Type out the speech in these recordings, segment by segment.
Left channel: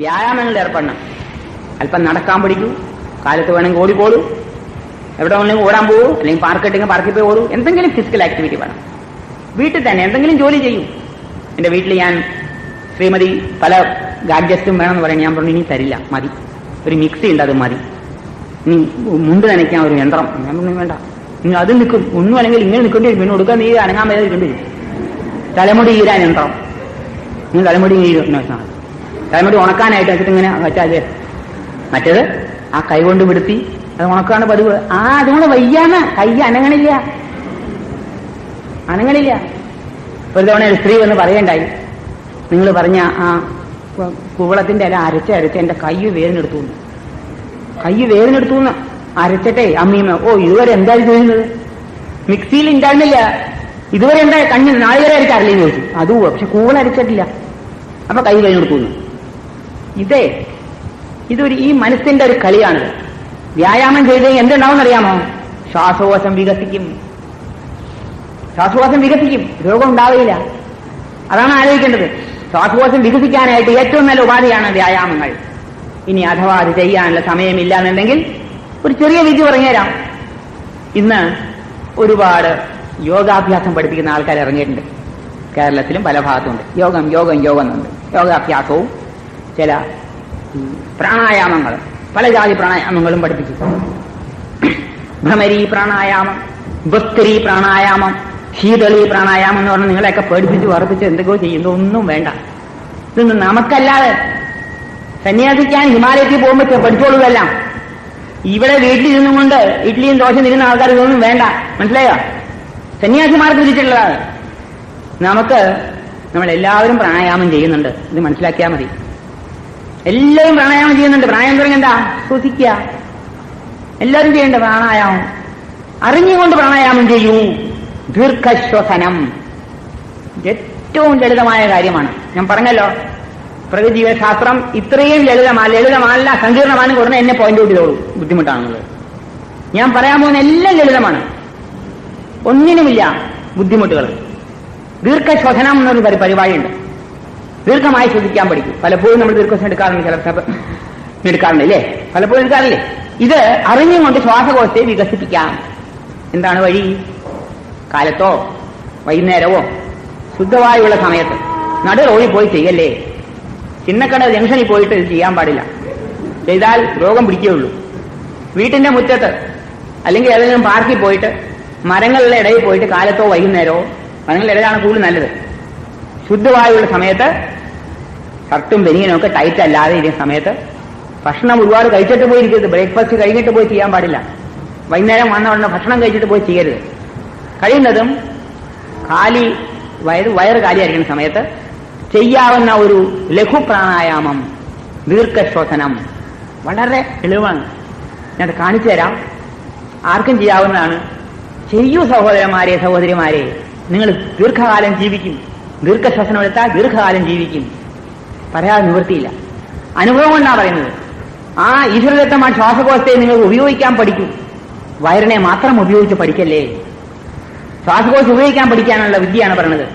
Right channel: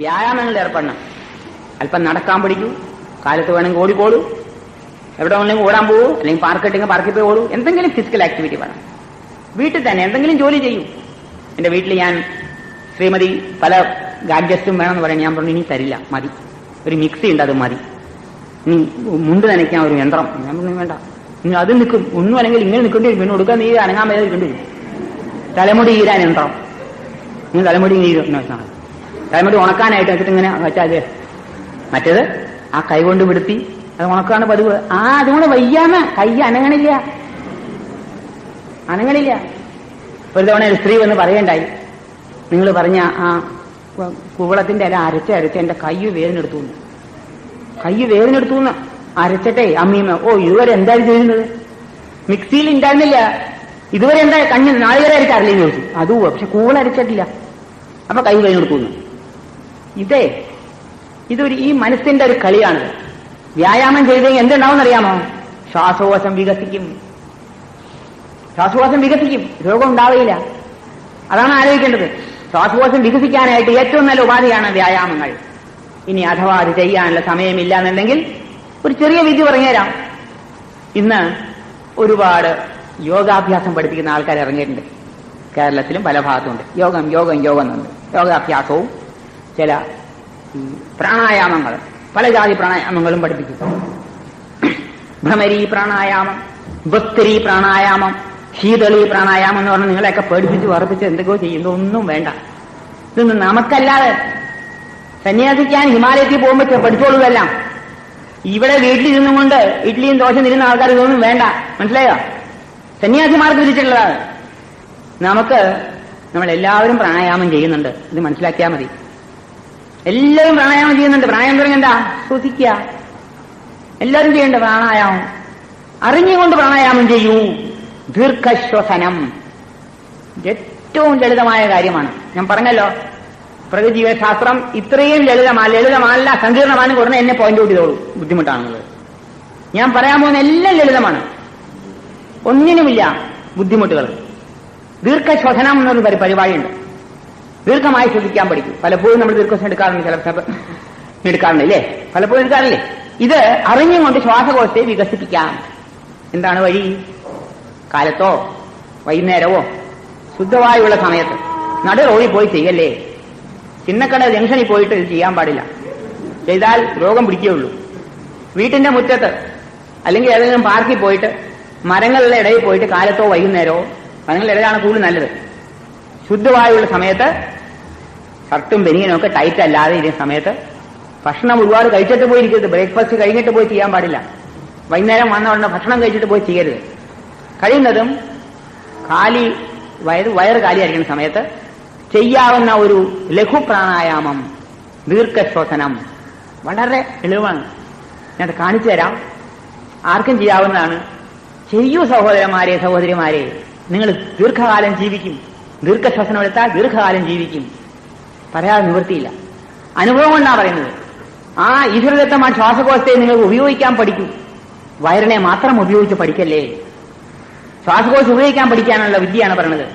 വ്യായാമങ്ങളിൽ ഏർപ്പെടണം. അല്പം നടക്കാൻ പഠിക്കൂ, കാലത്ത് വേണമെങ്കിൽ ഓടിക്കോളൂ, എവിടെ വേണമെങ്കിലും ഓടാൻ പോകൂ, അല്ലെങ്കിൽ പാർക്കിട്ടെങ്കിൽ പാർക്കിൽ പോയി ഓടൂ. എന്തെങ്കിലും ഫിസിക്കൽ ആക്ടിവിറ്റി വേണം. വീട്ടിൽ തന്നെ എന്തെങ്കിലും ജോലി ചെയ്യും. എന്റെ വീട്ടിൽ ഞാൻ ശ്രീമതി പല ഗാഡ്ജറ്റും വേണമെന്ന് പറയാൻ ഞാൻ പറഞ്ഞു ഇനി തരില്ല, മതി, ഒരു മിക്സി ഉണ്ട്, അത് മതി, ഇനി മുണ്ട് നനയ്ക്കാൻ ഒരു യന്ത്രം. ഞാൻ പറഞ്ഞു വേണ്ട, ഇനി അത് നിൽക്കും, ഒന്നും അല്ലെങ്കിൽ ഇങ്ങനെ നിൽക്കേണ്ടി വരും, പിന്നെ കൊടുക്കാൻ നീ അനങ്ങാൻ വരെ നിൽക്കേണ്ടി വരും. തലമുടി ഈരാൻ യന്ത്രം, നീ തലമുടി ഈരുന്നതാണ്, തലമുടി ഉണക്കാനായിട്ട് വെച്ചിട്ട് ഇങ്ങനെ വെച്ചാൽ മറ്റേത് ആ കൈ കൊണ്ട് വിടുത്തി അത് ഉണക്കാണ് പതിവ്. അതുങ്ങൾ വയ്യാന്ന് കൈ അനങ്ങണില്ല. ഒരു തവണ ഒരു സ്ത്രീ വന്ന് പറയണ്ടായി, നിങ്ങൾ പറഞ്ഞ ആ കുവളത്തിന്റെ ഇല അരച്ച് എന്റെ കൈ വേദനെടുത്തു അരച്ചട്ടെ അമ്മീമ്മ. ഇതുവരെ എന്താ ചെയ്യുന്നത്? മിക്സിയിൽ ഉണ്ടായിരുന്നില്ല, ഇതുവരെ എന്താ കണ്ണിൽ നാളികേരം അരച്ചറിയില്ലെന്ന് ചോദിച്ചു. അതും പക്ഷെ കൂവള അരച്ചിട്ടില്ല, അപ്പൊ കൈ വേദനെടുത്തു. ഇതൊരു ഈ മനസ്സിന്റെ ഒരു കളിയാണ്. വ്യായാമം ചെയ്ത് എന്തുണ്ടാവുമെന്നറിയാമോ? ശ്വാസകോശം വികസിക്കും, രോഗം ഉണ്ടാവില്ല. അതാണ് ആലോചിക്കേണ്ടത്. ശ്വാസകോശം വികസിക്കാനായിട്ട് ഏറ്റവും നല്ല ഉപാധിയാണ് വ്യായാമങ്ങൾ. ഇനി അഥവാ അത് ചെയ്യാനുള്ള സമയമില്ല എന്നുണ്ടെങ്കിൽ ഒരു ചെറിയ വിദ്യ പറഞ്ഞുതരാം. ഇന്ന് ഒരുപാട് യോഗാഭ്യാസം പഠിപ്പിക്കുന്ന ആൾക്കാർ ഇറങ്ങിയിട്ടുണ്ട്. കേരളത്തിലും പല ഭാഗത്തുണ്ട്. യോഗം എന്നുണ്ട്. യോഗാഭ്യാസവും ചില പ്രാണായാമങ്ങൾ, പല ജാതി പ്രാണായാമങ്ങളും പഠിപ്പിച്ചു. ഭ്രമരി പ്രാണായാമം, ഭസ്കരി പ്രാണായാമം, ശീതളി പ്രാണായാമം എന്ന് പറഞ്ഞാൽ നിങ്ങളെയൊക്കെ പേടിപ്പിച്ച് വർദ്ധിച്ച് എന്തൊക്കെയോ ചെയ്യുന്നു. ഒന്നും വേണ്ട. ഇതൊന്നും നമുക്കല്ലാതെ സന്യാസിക്കാൻ ഹിമാലയത്തിൽ പോകുമ്പോൾ പഠിച്ചോളൂതെല്ലാം. ഇവിടെ വീട്ടിൽ നിന്നുകൊണ്ട് ഇഡ്ഡലിയും ദോശ തിരുന്ന ആൾക്കാർ ഇതൊന്നും വേണ്ട. മനസ്സിലായോ? സന്യാസിമാർക്ക് വിധിച്ചിട്ടുള്ളതാണ്. നമ്മളെല്ലാവരും പ്രാണായാമം ചെയ്യുന്നുണ്ട്. ഇത് മനസ്സിലാക്കിയാൽ മതി. എല്ലാവരും പ്രാണായാമം ചെയ്യുന്നുണ്ട്. പ്രാണായാമം പറഞ്ഞെന്താ? ശ്വസിക്കുക. എല്ലാവരും ചെയ്യേണ്ട പ്രാണായാമം. അറിഞ്ഞുകൊണ്ട് പ്രാണായാമം ചെയ്യൂ. ദീർഘശ്വസനം ഏറ്റവും ലളിതമായ കാര്യമാണ്. ഞാൻ പറഞ്ഞല്ലോ, പ്രകൃതിജീവശാസ്ത്രം ഇത്രയും ലളിതമല്ല, സങ്കീർണമാണ്. ഉടനെ എന്നെ പോയിന്റ് ഔട്ട് ചെയ്തോളൂ, ബുദ്ധിമുട്ടാണെന്നുള്ളത്. ഞാൻ പറയാൻ പോകുന്ന എല്ലാം ലളിതമാണ്, ഒന്നിനുമില്ല ബുദ്ധിമുട്ടുകൾ. ദീർഘശ്വസനം എന്നൊരു പരിപാടിയുണ്ട്. ദീർഘമായി ശ്രദ്ധിക്കാൻ പഠിക്കും. പലപ്പോഴും നമ്മൾ ദീർഘശ്വസം എടുക്കാറുണ്ട്, ചിലപ്പോൾ എടുക്കാറുണ്ട് ഇല്ലേ? പലപ്പോഴും എടുക്കാറില്ലേ? ഇത് അറിഞ്ഞുകൊണ്ട് ശ്വാസകോശത്തെ വികസിപ്പിക്കാം. എന്താണ് വഴി? കാലത്തോ വൈകുന്നേരമോ ശുദ്ധവായുള്ള സമയത്ത് നട റോഡിൽ പോയി ചെയ്യല്ലേ. ചിന്നക്കട ജംഗ്ഷനിൽ പോയിട്ട് ഇത് ചെയ്യാൻ പാടില്ല. ചെയ്താൽ രോഗം പിടിക്കുകയുള്ളൂ. വീട്ടിന്റെ മുറ്റത്ത് അല്ലെങ്കിൽ ഏതെങ്കിലും പാർക്കിൽ പോയിട്ട് മരങ്ങളുടെ ഇടയിൽ പോയിട്ട് കാലത്തോ വൈകുന്നേരമോ, മരങ്ങളുടെ ഇടയിലാണ് കൂടുതൽ നല്ലത്, ശുദ്ധവായുള്ള സമയത്ത് ഷർട്ടും ബനിയനും ഒക്കെ ടൈറ്റ് അല്ലാതെ ഇരിക്കുന്ന സമയത്ത് ഭക്ഷണം ഒരുപാട് കഴിച്ചിട്ട് പോയിരിക്കരുത്. ബ്രേക്ക്ഫാസ്റ്റ് കഴിഞ്ഞിട്ട് പോയി ചെയ്യാൻ പാടില്ല. വൈകുന്നേരം വന്ന ഭക്ഷണം കഴിച്ചിട്ട് പോയി ചെയ്യരുത്. കഴിയുന്നതും വയറ് കാലിയായിരിക്കുന്ന സമയത്ത് ചെയ്യാവുന്ന ഒരു ലഘു പ്രാണായാമം, ദീർഘശ്വസനം വളരെ എളുപ്പമാണ്. ഞാനത് കാണിച്ചു തരാം. ആർക്കും ചെയ്യാവുന്നതാണ്. ചെയ്യൂ സഹോദരന്മാരെ, സഹോദരിമാരെ. നിങ്ങൾ ദീർഘകാലം ജീവിക്കും. ദീർഘശ്വസനം എടുത്താൽ ദീർഘകാലം ജീവിക്കും. പറയാതെ നിവൃത്തിയില്ല. അനുഭവം കൊണ്ടാണ് പറയുന്നത്. ആ ഈശ്വരദത്തമായ ശ്വാസകോശത്തെ നിങ്ങൾ ഉപയോഗിക്കാൻ പഠിക്കൂ. വയറിനെ മാത്രം ഉപയോഗിച്ച് പഠിക്കല്ലേ. ശ്വാസകോശം ഉപയോഗിക്കാൻ പഠിക്കാനുള്ള വിദ്യയാണ് പറയുന്നത്.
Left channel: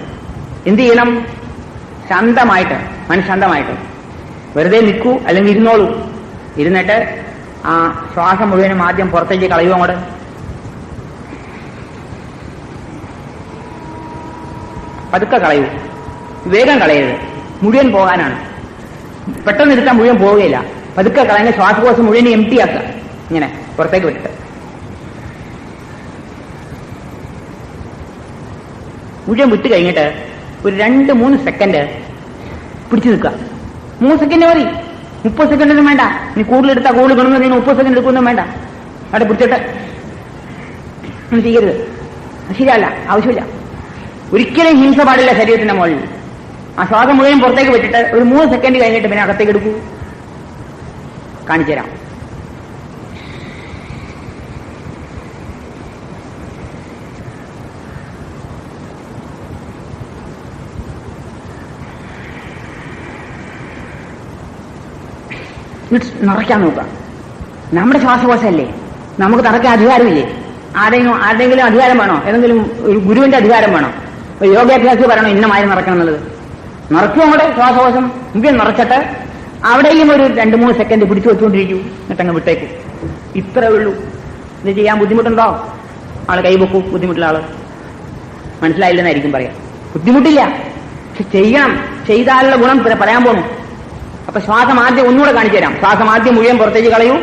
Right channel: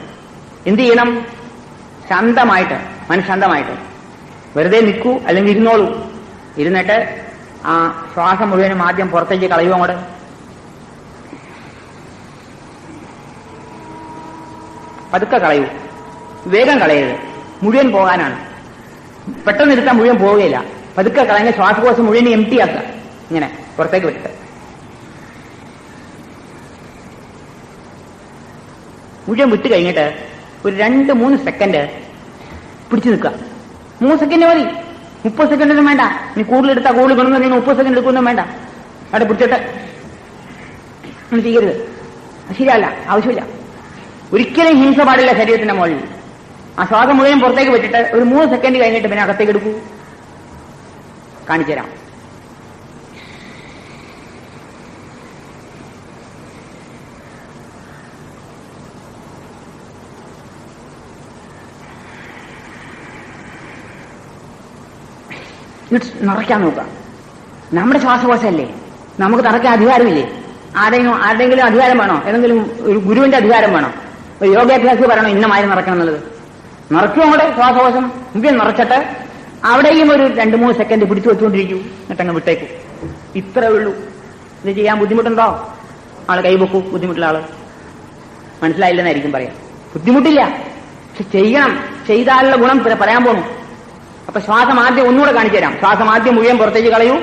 എന്ത് ചെയ്യണം? ശാന്തമായിട്ട്, മനഃശാന്തമായിട്ട് വെറുതെ നിൽക്കൂ, അല്ലെങ്കിൽ ഇരുന്നോളൂ. ഇരുന്നിട്ട് ആ ശ്വാസം മുഴുവനും ആദ്യം പുറത്തേക്ക് കളയുക. അങ്ങോട്ട് പതുക്കെ കളയൂ, വേഗം കളയരുത്. മുഴുവൻ പോകാനാണ്. പെട്ടെന്ന് എടുത്താൽ മുഴുവൻ പോവുകയില്ല. പതുക്കെ കളഞ്ഞ ശ്വാസകോശം മുഴുവൻ എംപ്റ്റിയാക്കുക. ഇങ്ങനെ പുറത്തേക്ക് വിട്ടിട്ട് മുഴുവൻ വിട്ട് കഴിഞ്ഞിട്ട് ഒരു 2-3 സെക്കൻഡ് പിടിച്ചു നിൽക്കുക. 3 സെക്കൻഡ് മതി. 30 സെക്കൻഡൊന്നും വേണ്ട. നീ കൂടുതലെടുത്താൽ കൂടുതൽ ഗുണം. നിങ്ങൾ 30 സെക്കൻഡ് എടുക്കൊന്നും വേണ്ട. അവിടെ പിടിച്ചിട്ട് ഒന്നും ചെയ്യരുത്. ശരിയല്ല, ആവശ്യമില്ല. ഒരിക്കലും ഹിംസ പാടില്ല ശരീരത്തിന്റെ മുകളിൽ. ആ ശ്വാസം മുഴുവൻ പുറത്തേക്ക് വെച്ചിട്ട് ഒരു 3 സെക്കൻഡ് കഴിഞ്ഞിട്ട് പിന്നെ അകത്തേക്ക് എടുക്കൂ. കാണിച്ചു തരാം. നിറയ്ക്കാൻ നോക്കുക. നമ്മുടെ ശ്വാസകോശമല്ലേ, നമുക്ക് നിറയ്ക്കാൻ അധികാരമില്ലേ? ആരുടെങ്കിലും അധികാരം വേണോ? ഏതെങ്കിലും ഒരു ഗുരുവിന്റെ അധികാരം വേണോ? യോഗാഭ്യാസി പറയണോ ഇന്ന മാതിരി നിറയ്ക്കണം എന്നുള്ളത്? നിറയ്ക്കും. നമ്മുടെ ശ്വാസകോശം മുഴുവൻ നിറച്ചിട്ട് അവിടെയും ഒരു 2-3 സെക്കൻഡ് പിടിച്ചു വെച്ചുകൊണ്ടിരിക്കും, എന്നിട്ടങ്ങ് വിട്ടേക്കും. ഇത്രേ ഉള്ളൂ. ഇത് ചെയ്യാൻ ബുദ്ധിമുട്ടുണ്ടോ? ആളെ കൈവെക്കൂ. ബുദ്ധിമുട്ടുള്ള ആള് മനസ്സിലായില്ലെന്നായിരിക്കും പറയാം. ബുദ്ധിമുട്ടില്ല, പക്ഷെ ചെയ്യണം. ചെയ്താലുള്ള ഗുണം പറയാൻ പോകുന്നു. അപ്പൊ ശ്വാസം ആദ്യം ഒന്നുകൂടെ കാണിച്ചു തരാം. ശ്വാസം ആദ്യം മുഴുവൻ പുറത്തേക്ക് കളയൂ.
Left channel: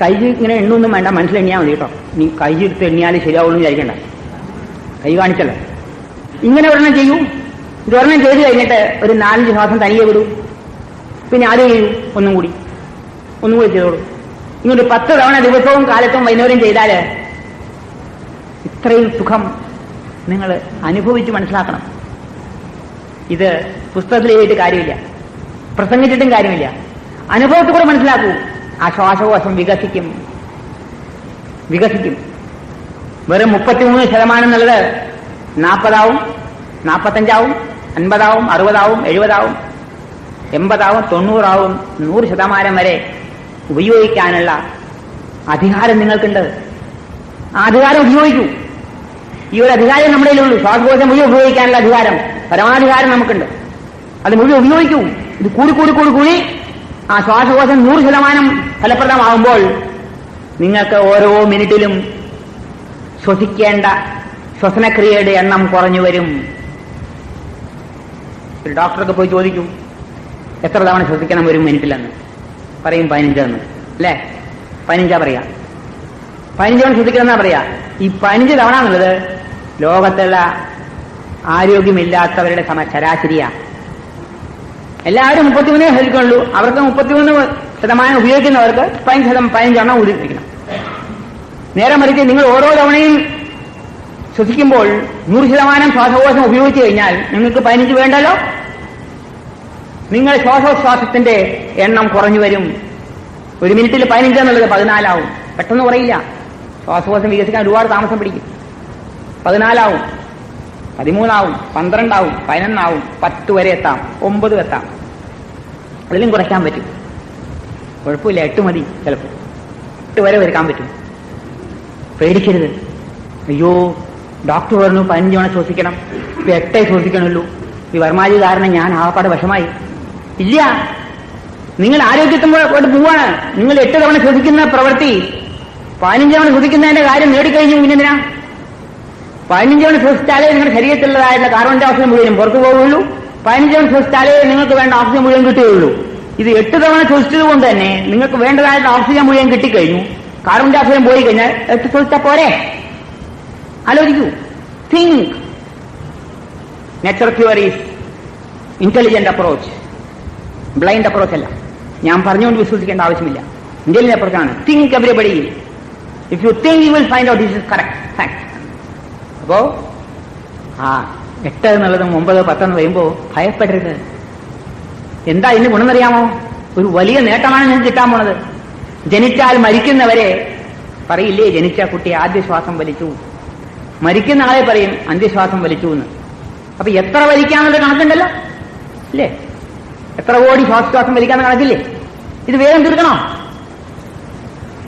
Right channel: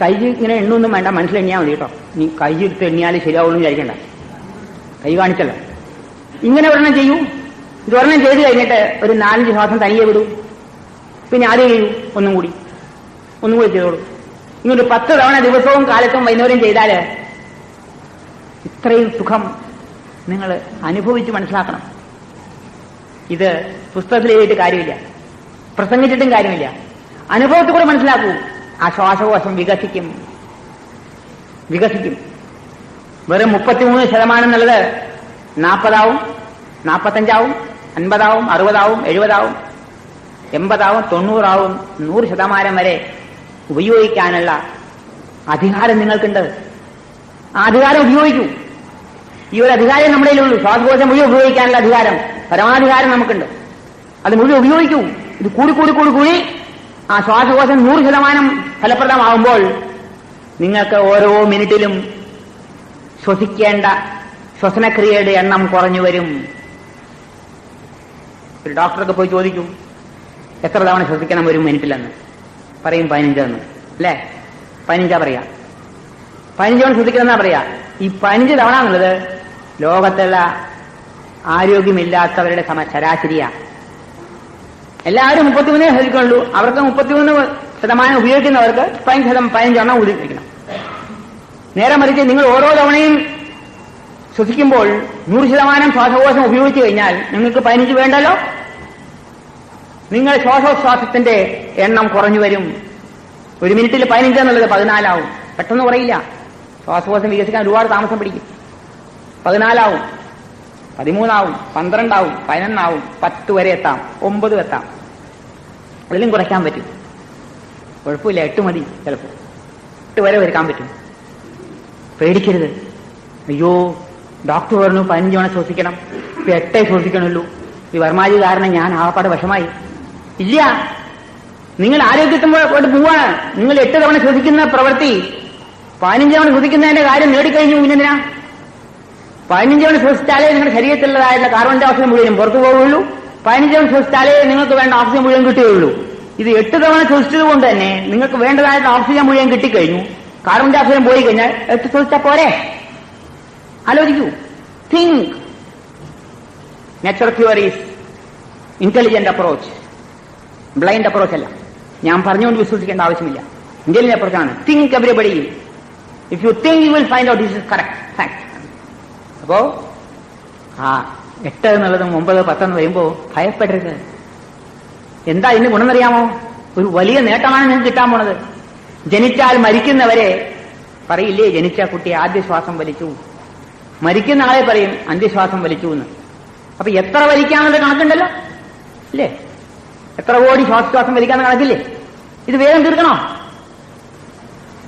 കൈ ഇങ്ങനെ എണ്ണൊന്നും വേണ്ട, മനസ്സിലെണ്ണിയാൽ മതി കേട്ടോ. നീ കൈ എടുത്ത് എണ്ണിയാലും ശരിയാവുള്ളൂ വിചാരിക്കണ്ട. കൈ കാണിച്ചല്ലോ. ഇങ്ങനെ ഒരെണ്ണം ചെയ്യൂ. ഇതൊരെണ്ണം ചെയ്ത് കഴിഞ്ഞിട്ട് ഒരു 4-5 ശ്വാസം തനിയെ വിടൂ. പിന്നെ ആദ്യം ചെയ്യൂ. ഒന്നും കൂടി ചെയ്തോളൂ. ഇങ്ങോട്ട് 10 തവണ ദിവസവും കാലത്തും വൈകുന്നേരം ചെയ്താല് ഇത്രയും സുഖം നിങ്ങൾ അനുഭവിച്ച് മനസ്സിലാക്കണം. ഇത് പുസ്തകത്തിൽ എഴുതിയിട്ട് കാര്യമില്ല, പ്രസംഗിച്ചിട്ടും കാര്യമില്ല. അനുഭവത്തിലൂടെ മനസ്സിലാക്കൂ. ആ ശ്വാസകോശം വികസിക്കും. വെറും 33% എന്നുള്ളത് 40 45 50 60 70 80 90 100% വരെ ഉപയോഗിക്കാനുള്ള അധികാരം നിങ്ങൾക്കുണ്ട്. ആ അധികാരം ഉപയോഗിക്കൂ. ഈ ഒരു അധികാരം നമ്മുടെ കയ്യിലുള്ളൂ. ശ്വാസകോശം മുഴുവൻ ഉപയോഗിക്കാനുള്ള അധികാരം, പരമാധികാരം നമുക്കുണ്ട്. അത് മുഴുവൻ ഉപയോഗിക്കൂ. ഇത് കൂടി ആ ശ്വാസകോശം 100% ഫലപ്രദമാകുമ്പോൾ നിങ്ങൾക്ക് ഓരോ മിനിറ്റിലും ശ്വസിക്കേണ്ട ശ്വസനക്രിയയുടെ എണ്ണം കുറഞ്ഞു വരും. ഒരു ഡോക്ടർക്ക് പോയി ചോദിക്കും, എത്ര തവണ ശ്വസിക്കണം ഒരു മിനിറ്റിലെന്ന്. പറയും 15 എന്ന്. അല്ലേ? 15 പറയാ. 15 തവണ ശ്വസിക്കണമെന്നാ പറയാ. ഈ 15 തവണ എന്നുള്ളത് ലോകത്തുള്ള ആരോഗ്യമില്ലാത്തവരുടെ ശരാശരിയാ. എല്ലാവരും 33 ശ്വസിക്കുള്ളൂ. അവർക്ക് 33% ഉപയോഗിക്കുന്നവർക്ക് 15 ഉപയോഗിക്കണം. നേരെ മറിച്ച് നിങ്ങൾ ഓരോ തവണയും ശ്വസിക്കുമ്പോൾ 100% ശ്വാസകോശം ഉപയോഗിച്ചു കഴിഞ്ഞാൽ നിങ്ങൾക്ക് 15 വേണ്ടല്ലോ. നിങ്ങളുടെ ശ്വാസോച്ഛ്വാസത്തിന്റെ എണ്ണം കുറഞ്ഞു വരും. ഒരു മിനിറ്റിൽ 15 എന്നുള്ളത് 14 ആവും. പെട്ടെന്ന് കുറയില്ല. ശ്വാസകോശം വികസിക്കാൻ ഒരുപാട് താമസം പിടിക്കും. 14 ആവും, 13 ആവും, 12 ആവും, 11 ആവും, 10 വരെ എത്താം, 9 എത്താം. അതിലും കുറയ്ക്കാൻ പറ്റും. കുഴപ്പമില്ല, 8 മതി. ചിലപ്പോൾ 8 വരെ വരുത്താൻ പറ്റും. പേടിക്കരുത്. അയ്യോ, ഡോക്ടർ പറഞ്ഞു 15 തവണ ശ്വസിക്കണം, 8 ശ്വസിക്കണമല്ലോ, ഈ വർമാജി കാരണം ഞാൻ ആകപ്പാട് വശമായി. ഇല്ല, നിങ്ങൾ ആരോഗ്യത്തോട് പോവാണ്. നിങ്ങൾ 8 തവണ ശ്വസിക്കുന്ന പ്രവൃത്തി 15 തവണ ശ്വസിക്കുന്നതിന്റെ കാര്യം നേടിക്കഴിഞ്ഞു. പിന്നെന്തിനാ? 15 തവണ ശ്വസിച്ചാലേ നിങ്ങളുടെ ശരീരത്തിലുള്ളതായിരുന്ന കാർബൺ ഡൈ ഓക്സൈഡ് മുഴുവൻ പുറത്തു പോവുകയുള്ളൂ. 15 തവണ ശ്വസിച്ചാലേ നിങ്ങൾക്ക് വേണ്ട ഓക്സിജൻ മുഴുവൻ കിട്ടുകയുള്ളൂ. ഇത് 8 തവണ ശ്വസിച്ചത് കൊണ്ട് തന്നെ നിങ്ങൾക്ക് വേണ്ടതായിട്ട് ഓക്സിജൻ മുഴുവൻ കിട്ടിക്കഴിഞ്ഞു. കാർബൺ ഡൈ ഓക്സൈഡ് പോയി കഴിഞ്ഞാൽ 8 ശ്വസിച്ചാൽ പോരെ? ആലോചിക്കൂ. Think. Nature cure is intelligent approach, blind approach അല്ല. ഞാൻ പറഞ്ഞുകൊണ്ട് വിശ്വസിക്കേണ്ട ആവശ്യമില്ല. ഇന്റലിജന്റ് അപ്രോച്ചാണ്. Think everybody. If you think you will find out this is correct fact. അപ്പോ 8 എന്നുള്ളത് 9, 10 എന്ന് വരുമ്പോൾ ഭയപ്പെടരുത്. എന്താ ഇതിന് ഗുണമെന്നറിയാമോ? ഒരു വലിയ നേട്ടമാണ് നിങ്ങൾക്ക് കിട്ടാൻ പോണത്. ജനിച്ചാൽ മരിക്കുന്നവരെ പറയില്ലേ, ജനിച്ച കുട്ടി ആദ്യ ശ്വാസം വലിച്ചു, മരിക്കുന്ന ആളെ പറയും അന്ത്യശ്വാസം വലിച്ചു എന്ന്. അപ്പൊ എത്ര വലിക്കാന്നുള്ള കണക്കുണ്ടല്ലോ, അല്ലേ? എത്ര കോടി ശ്വാസം വലിക്കാന്ന് കണക്കില്ലേ? ഇത് വേഗം തീർക്കണോ?